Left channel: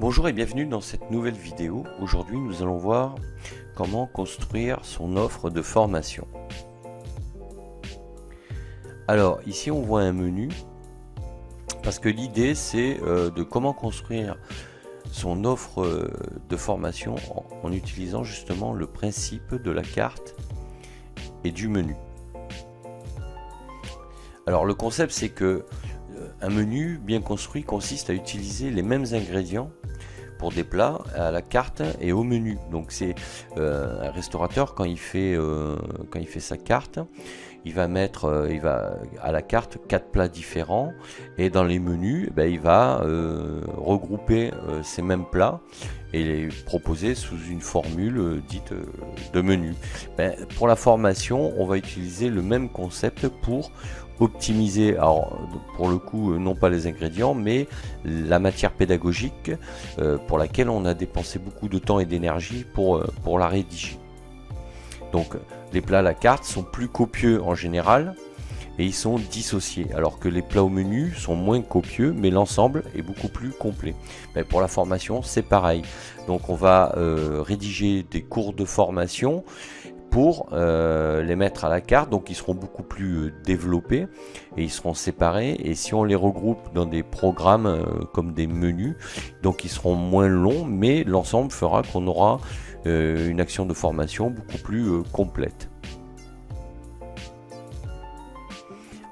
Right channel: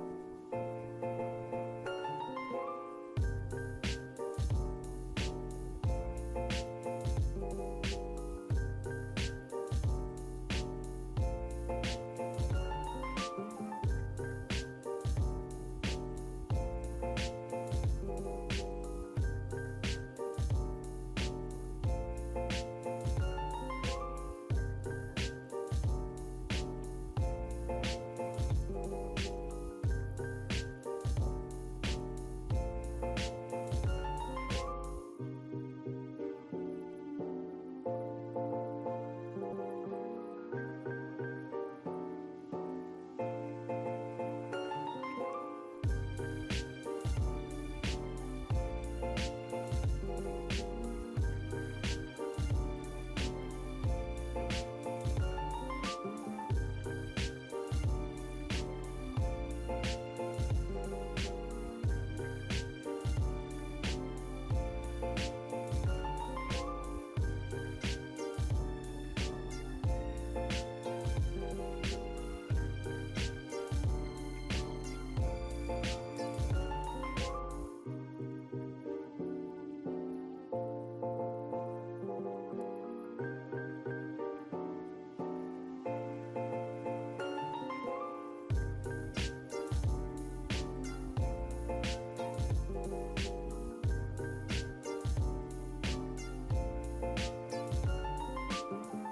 Bonjour et bienvenue dans cette nouvelle vidéo. Aujourd'hui nous allons voir comment construire son offre de formation. Alors ici on voit un menu parce que l'idée c'est de comment construire son offre de formation en utilisant justement le principe de la carte et du menu. Alors le concept c'est que un menu bien construit consiste à utiliser les mêmes ingrédients pour des plats à la carte et au menu. Donc c'est un restaurateur quand il fait sa carte, il va mettre à la carte 4 plats différents et dans les menus il va regrouper ces mêmes plats et les proposer sous une formule dite de menu. Pour la formation on va utiliser le même concept pour optimiser, alors pour le coup non pas les ingrédients mais la matière pédagogique pour laquelle on a dépensé beaucoup de temps et d'énergie pour la rédiger. Donc les plats à la carte sont plus copieux en général et ils sont dissociés, alors que les plats au menu sont moins copieux mais l'ensemble est beaucoup plus complet. Pour la formation c'est pareil, donc on va rédiger des cours de formation pour les mettre à la carte, donc ils seront beaucoup plus développés et ils seront séparés, et si on les regroupe dans des programmes comme des menus, donc ils seront moins longs mais l'ensemble fera qu'on aura une action de formation beaucoup plus complète.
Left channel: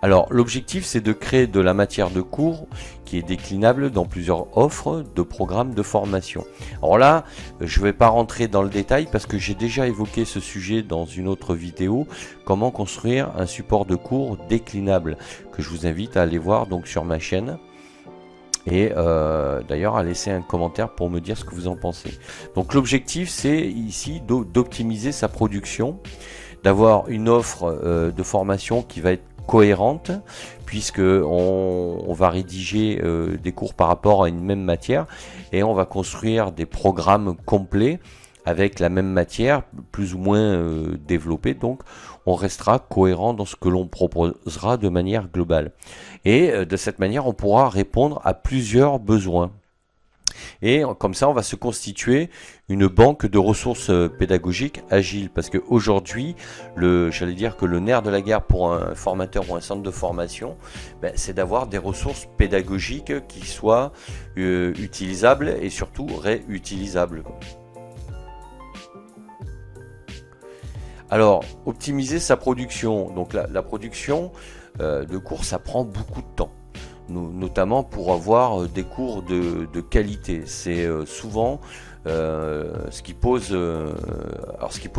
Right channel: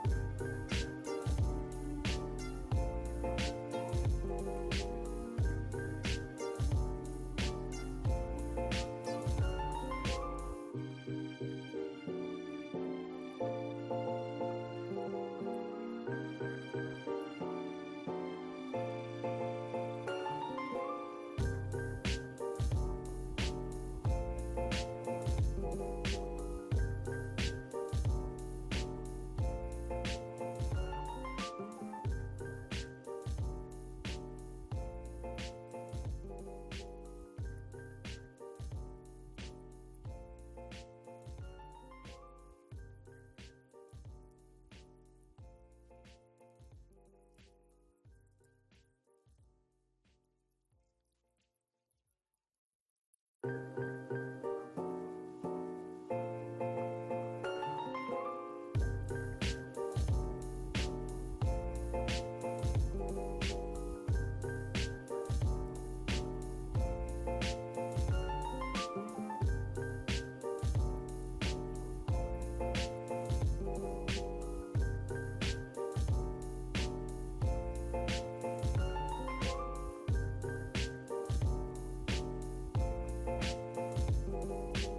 Alors l'objectif c'est de créer de la matière de cours qui est déclinable dans plusieurs offres de programmes de formation. Alors là je ne vais pas rentrer dans le détail parce que j'ai déjà évoqué ce sujet dans une autre vidéo, comment construire un support de cours déclinable, que je vous invite à aller voir donc sur ma chaîne. Et d'ailleurs à laisser un commentaire pour me dire ce que vous en pensez. Donc l'objectif c'est ici d'optimiser sa production, d'avoir une offre de formation qui va être cohérente, puisque on va rédiger des cours par rapport à une même matière et on va construire des programmes complets avec la même matière plus ou moins développée, donc on restera cohérent dans ce que l'on proposera de manière globale et de cette manière on pourra répondre à plusieurs besoins. Et comme ça on va se constituer une banque de ressources pédagogiques agiles, parce qu'aujourd'hui j'allais dire que le nerf de la guerre pour un formateur ou un centre de formation c'est d'avoir des ressources pédagogiques qui soient utilisables et surtout réutilisables. Alors optimiser sa production, donc la production de cours ça prend beaucoup de temps, notamment pour avoir des cours de qualité. C'est souvent ce qui pose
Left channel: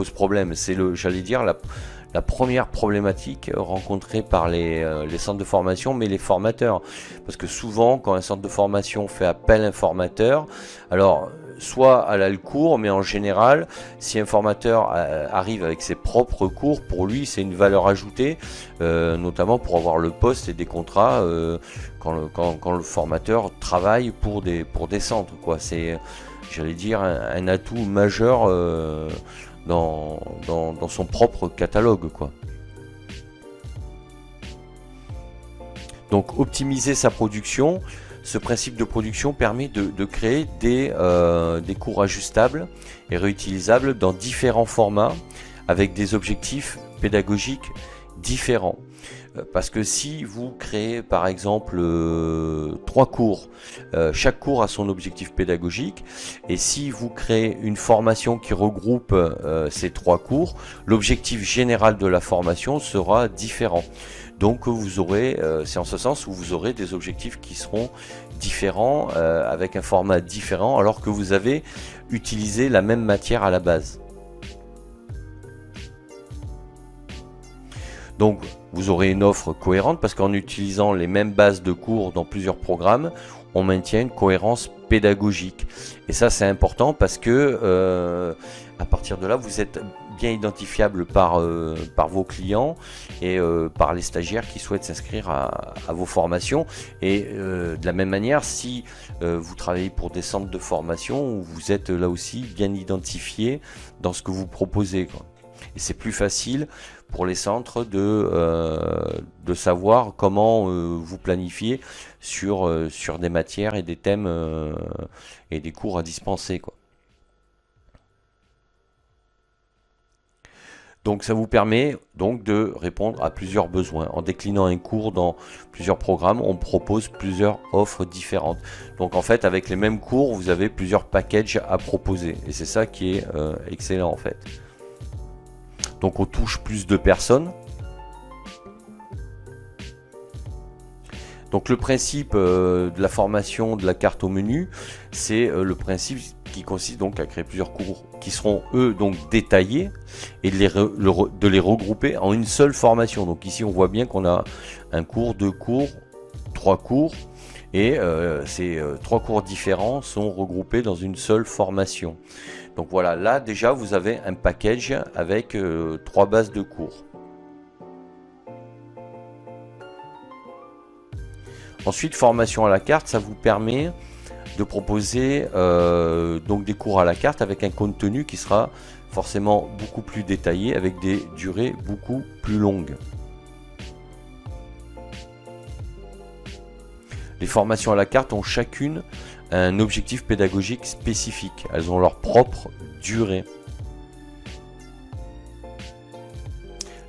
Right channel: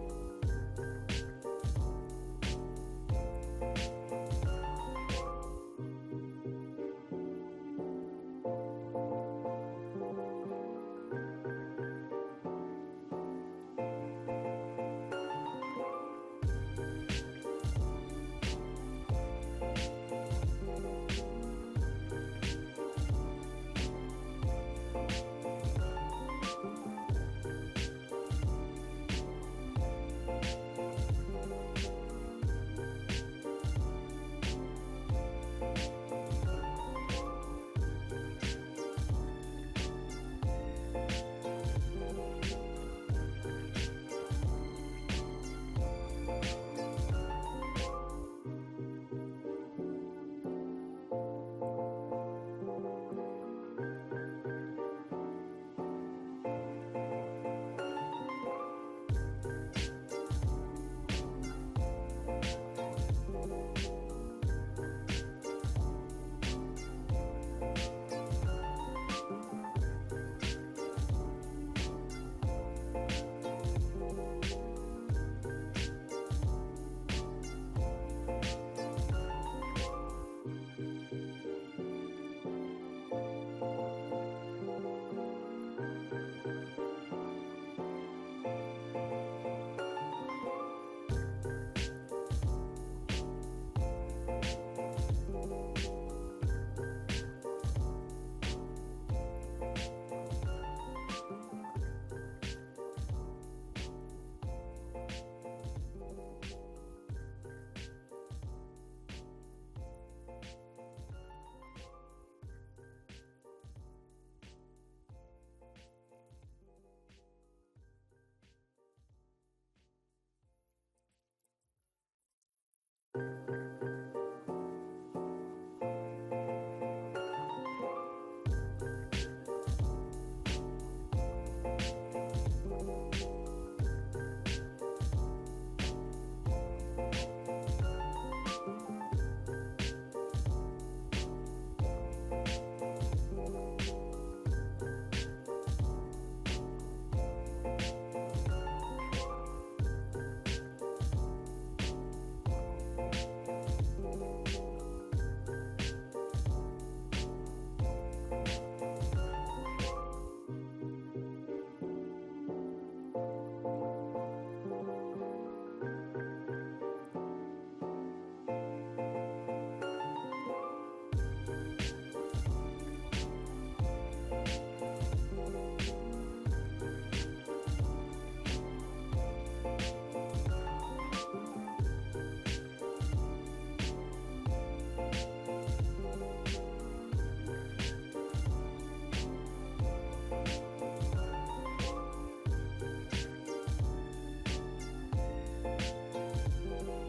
problème, c'est j'allais dire la première problématique rencontrée par les centres de formation, mais les formateurs, parce que souvent quand un centre de formation fait appel à un formateur, alors soit elle a le cours, mais en général si un formateur arrive avec ses propres cours, pour lui c'est une valeur ajoutée, notamment pour avoir le poste et des contrats quand le formateur travaille pour des centres, quoi. C'est, j'allais dire, un atout majeur dans son propre catalogue, quoi. Donc optimiser sa production, ce principe de production permet de créer des cours ajustables et réutilisables dans différents formats avec des objectifs pédagogiques différents. Parce que si vous créez par exemple 3 cours, chaque cours a son objectif pédagogique, et si vous créez une formation qui regroupe ces 3 cours, l'objectif général de la formation sera différent. Donc vous aurez, c'est en ce sens où vous aurez des objectifs qui seront différents, avec un format différent, alors que vous avez utilisé la même matière à la base. Donc vous aurez une offre cohérente parce qu'en utilisant les mêmes bases de cours dans plusieurs programmes, on maintient une cohérence pédagogique. Et ça c'est important parce que à partir de là vous êtes bien identifiable par vos clients et par les stagiaires qui souhaitent s'inscrire à vos formations. Et de la même manière, si vous travaillez pour des centres de formation, vous êtes là aussi bien identifié dans ce que vous proposez, quoi. Et c'est plus facile pour les centres de savoir comment vous planifier sur des matières et des thèmes et des cours à dispenser, quoi. Donc ça vous permet donc de répondre à plusieurs besoins. En déclinant un cours dans plusieurs programmes, on propose plusieurs offres différentes. Donc en fait, avec les mêmes cours, vous avez plusieurs packages à proposer. Et c'est ça qui est excellent en fait. Donc on touche plus de personnes. Donc le principe de la formation de la carte au menu, c'est le principe qui consiste donc à créer plusieurs cours qui seront eux donc détaillés et de les regrouper en une seule formation. Donc ici on voit bien qu'on a un cours, deux cours, trois cours et ces trois cours différents sont regroupés dans une seule formation. Donc voilà, là déjà vous avez un package avec trois bases de cours. Ensuite, formation à la carte, ça vous permet de proposer donc des cours à la carte avec un contenu qui sera forcément beaucoup plus détaillé avec des durées beaucoup plus longues. Les formations à la carte ont chacune un objectif pédagogique spécifique. Elles ont leur propre durée.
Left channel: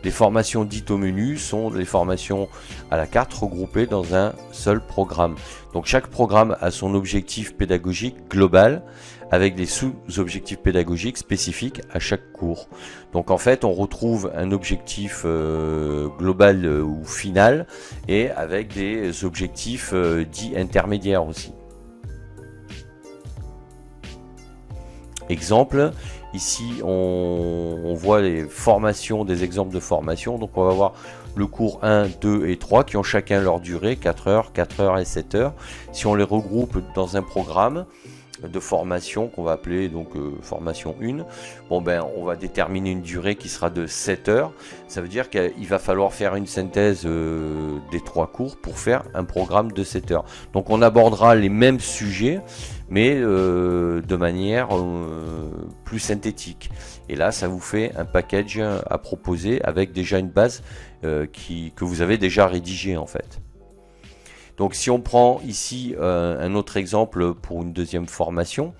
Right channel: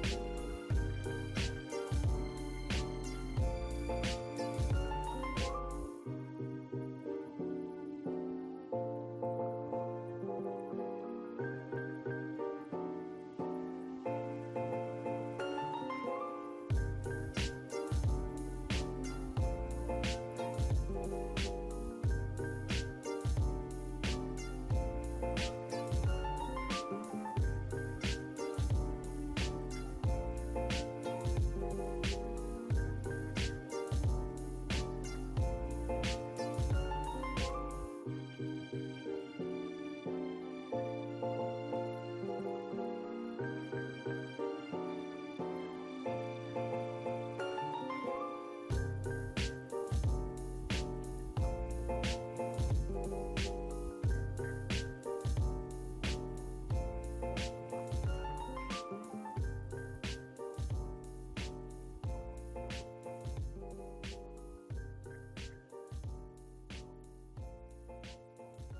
Les formations dites au menu sont les formations à la carte regroupées dans un seul programme. Donc chaque programme a son objectif pédagogique global avec des sous-objectifs pédagogiques spécifiques à chaque cours. Donc en fait on retrouve un objectif global ou final et avec des objectifs dits intermédiaires aussi. Exemple, ici on voit les formations, des exemples de formation. Donc on va voir le cours 1, 2 et 3 qui ont chacun leur durée, 4 heures et 7 heures. Si on les regroupe dans un programme de formation qu'on va appeler donc formation 1, bon ben on va déterminer une durée qui sera de 7 heures. Ça veut dire qu'il va falloir faire une synthèse des trois cours pour faire un programme de 7 heures. Donc on abordera les mêmes sujets mais de manière plus synthétique. Et là ça vous fait un package à proposer avec déjà une base que vous avez déjà rédigée en fait. Donc si on prend ici un autre exemple pour une deuxième formation,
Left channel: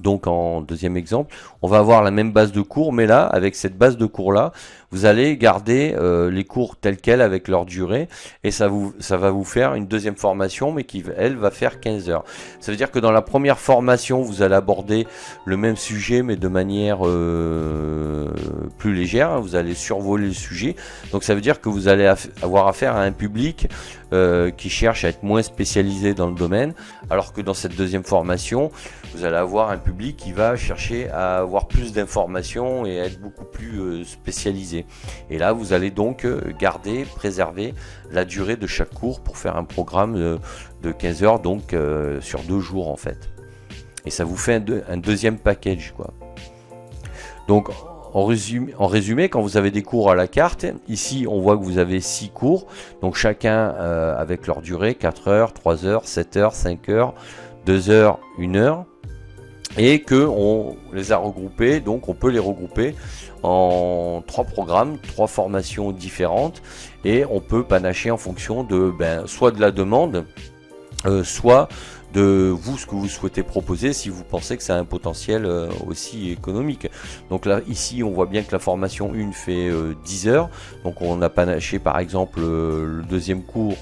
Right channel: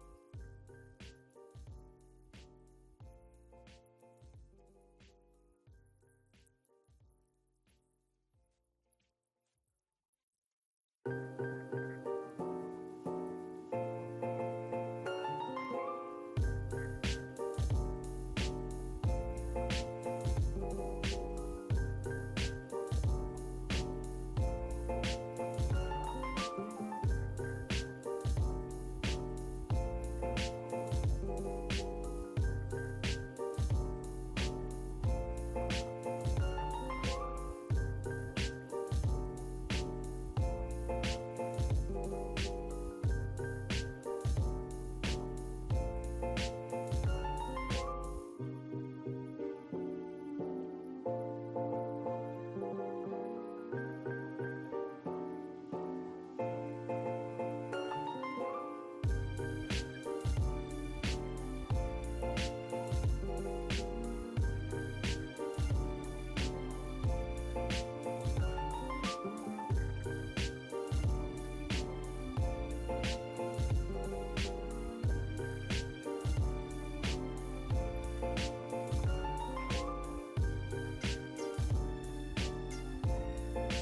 donc en deuxième exemple, on va avoir la même base de cours, mais là, avec cette base de cours là, vous allez garder les cours tels quels avec leur durée, et ça va vous faire une deuxième formation, mais qui, elle, va faire 15 heures. Ça veut dire que dans la première formation, vous allez aborder le même sujet, mais de manière plus légère, hein, vous allez survoler le sujet, donc ça veut dire que vous allez avoir affaire à un public qui cherche à être moins spécialisé dans le domaine, alors que dans cette deuxième formation, vous allez avoir un public qui va chercher à avoir plus d'informations et à être beaucoup plus spécialisé. Et là, vous allez donc garder, préserver la durée de chaque cours pour faire un programme de 15 heures, donc sur 2 jours en fait. Et ça vous fait un deuxième package, quoi. Donc, en résumé, quand vous avez des cours à la carte, ici on voit que vous avez 6 cours, donc chacun avec leur durée, 4 heures, 3 heures, 7 heures, 5 heures, 2 heures, 1 heure, et que on les a regroupés, donc on peut les regrouper en 3 programmes, 3 formations différentes, et on peut panacher en fonction de soit de la demande, soit de vous, ce que vous souhaitez proposer, si vous pensez que ça a un potentiel aussi économique. Donc là, ici, on voit bien que la formation 1 fait 10 heures. Donc on a panaché par exemple le deuxième cours,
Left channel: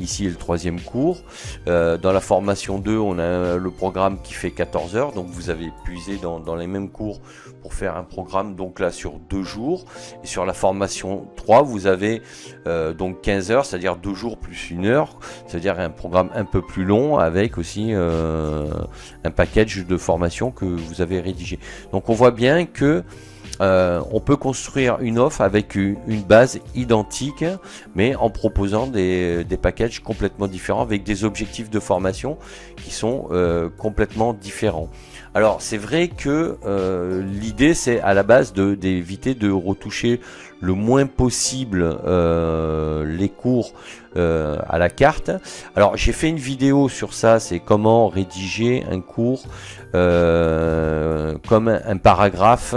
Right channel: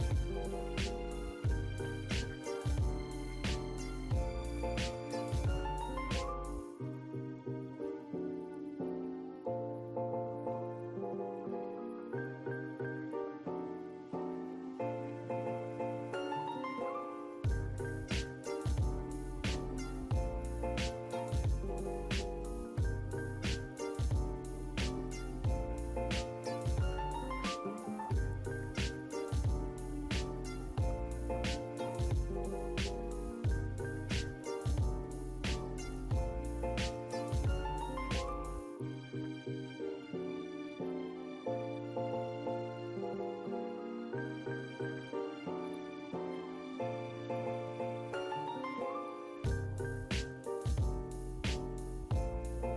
ici le troisième cours. Dans la formation 2, on a le programme qui fait 14 heures. Donc vous avez puisé dans les mêmes cours pour faire un programme donc là sur 2 jours. Et sur la formation 3, vous avez donc 15 heures, c'est-à-dire 2 jours plus 1 heure. C'est-à-dire un programme un peu plus long avec aussi un package de formation que vous avez rédigé. Donc on voit bien que on peut construire une offre avec une base identique, mais en proposant des packages complètement différents avec des objectifs de formation qui sont complètement différents. Alors c'est vrai que l'idée c'est à la base d'éviter de retoucher le moins possible les cours à la carte. Alors j'ai fait une vidéo sur ça, c'est comment rédiger un cours comme un paragraphe,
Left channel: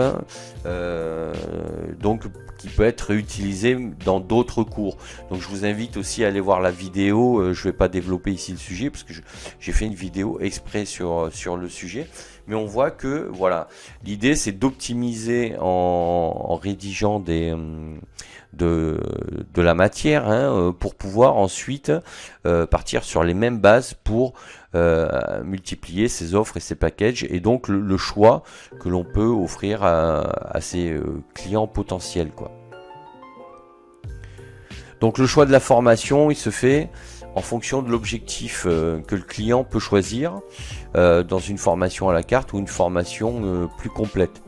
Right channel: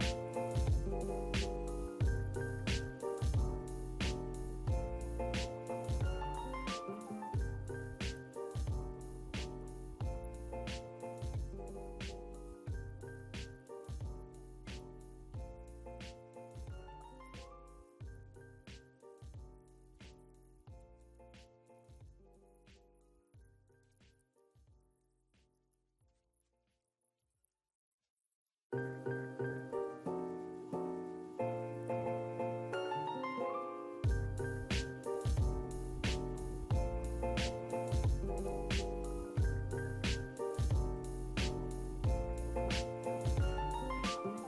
donc qui peut être réutilisé dans d'autres cours. Donc je vous invite aussi à aller voir la vidéo. Je ne vais pas développer ici le sujet parce que j'ai fait une vidéo exprès sur le sujet. Mais on voit que voilà, l'idée c'est d'optimiser en rédigeant de la matière pour pouvoir ensuite partir sur les mêmes bases pour multiplier ses offres et ses packages, et donc le choix que l'on peut offrir à ses clients potentiels, quoi. Donc le choix de la formation, il se fait en fonction de l'objectif que le client peut choisir dans une formation à la carte ou une formation plus complète.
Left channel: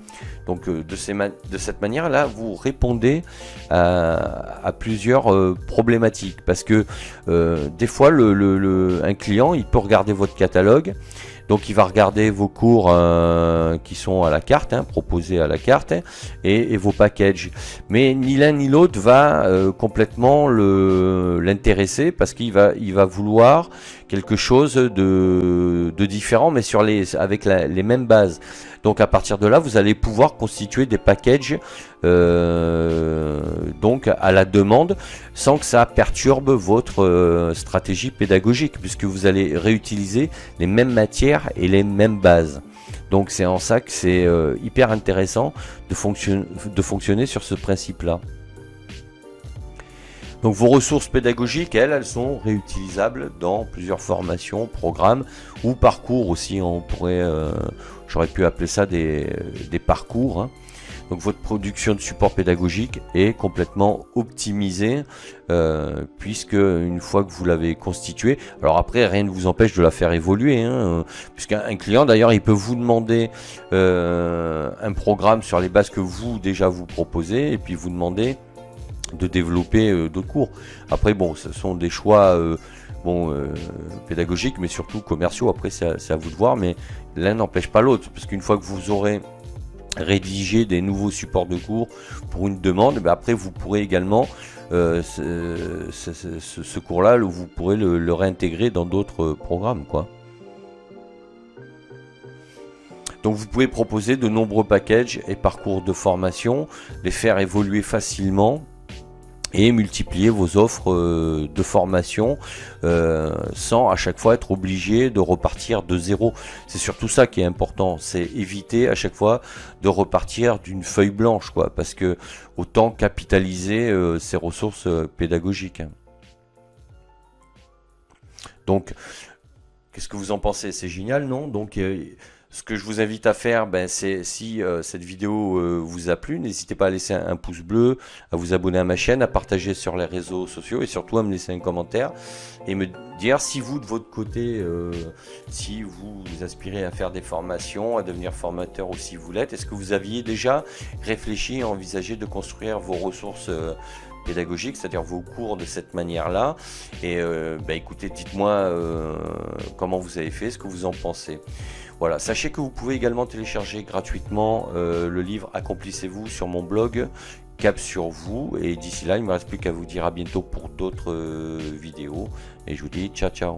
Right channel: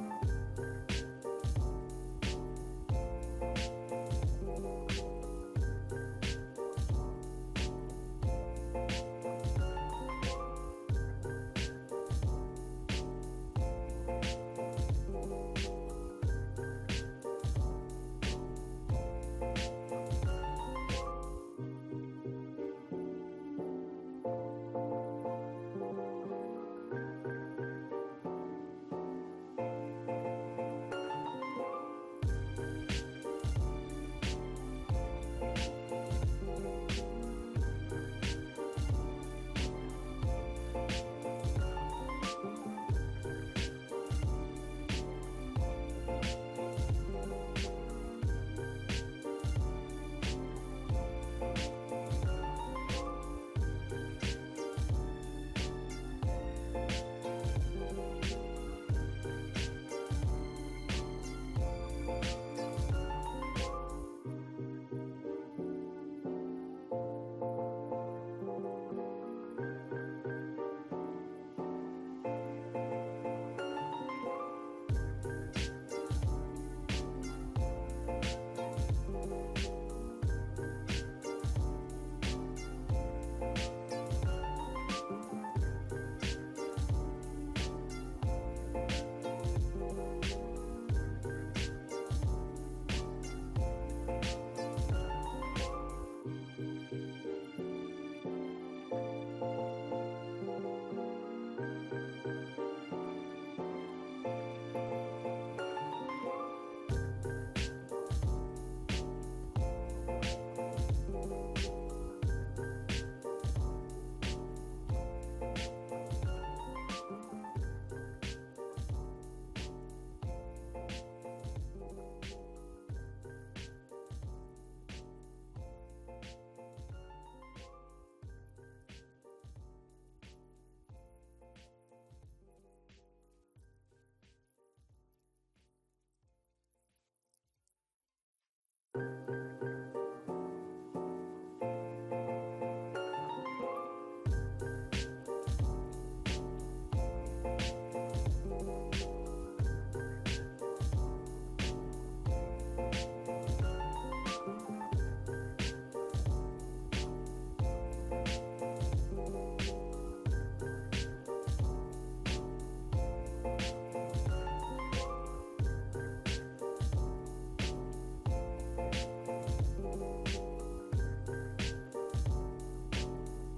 Donc de cette manière-là, vous répondez à plusieurs problématiques, parce que des fois, un client, il peut regarder votre catalogue, donc il va regarder vos cours qui sont à la carte, proposés à la carte, et vos packages. Mais ni l'un ni l'autre va complètement l'intéresser, parce qu'il va vouloir quelque chose de différent, mais avec les mêmes bases. Donc à partir de là, vous allez pouvoir constituer des packages donc à la demande, sans que ça perturbe votre stratégie pédagogique, puisque vous allez réutiliser les mêmes matières et les mêmes bases. Donc c'est en ça que c'est hyper intéressant de fonctionner sur ce principe-là. Donc vos ressources pédagogiques, elles sont réutilisables dans plusieurs formations, programmes ou parcours aussi. J'aurais pu appeler ça des parcours. Donc votre production de support pédagogique est complètement optimisée, puisque une fois que vous l'avez constituée, alors après rien ne vous empêche de la faire évoluer, puisqu'un client d'ailleurs il peut vous demander un programme sur les bases que vous déjà vous proposez, et puis vous demander de développer d'autres cours. Après bon, ce sont des choix pédagogiques, mais surtout commerciaux. Après c'est à vous de voir, mais l'un n'empêche pas l'autre, parce qu'une fois que vous aurez rédigé des nouveaux supports de cours pour une demande, après vous pourrez également ce cours là, vous pourrez le réintégrer dans d'autres programmes, quoi. Donc vous pouvez proposer de nombreux packages et parcours de formation, les faire évoluer facilement et multiplier vos offres de formation sans à chaque fois être obligé de repartir de zéro. C'est surtout ça qui est important, c'est éviter à chaque fois de repartir d'une feuille blanche, quoi, parce que autant capitaliser ses ressources pédagogiques. Donc qu'est-ce que vous en pensez? C'est génial, non? Donc ce que je vous invite à faire, c'est, si cette vidéo vous a plu, n'hésitez pas à laisser un pouce bleu, à vous abonner à ma chaîne, à partager sur les réseaux sociaux, et surtout à me laisser un commentaire et me dire si vous, de votre côté, si vous aspirez à faire des formations, à devenir formateur, ou si vous l'êtes, est-ce que vous aviez déjà réfléchi et envisagé de construire vos ressources pédagogiques, c'est-à-dire vos cours de cette manière-là. Et écoutez, dites-moi comment vous avez fait, ce que vous en pensez. Voilà, sachez que vous pouvez également télécharger gratuitement le livre Accomplissez-vous sur mon blog Cap sur vous. Et d'ici là, il ne me reste plus qu'à vous dire à bientôt pour d'autres vidéos. Et je vous dis ciao ciao.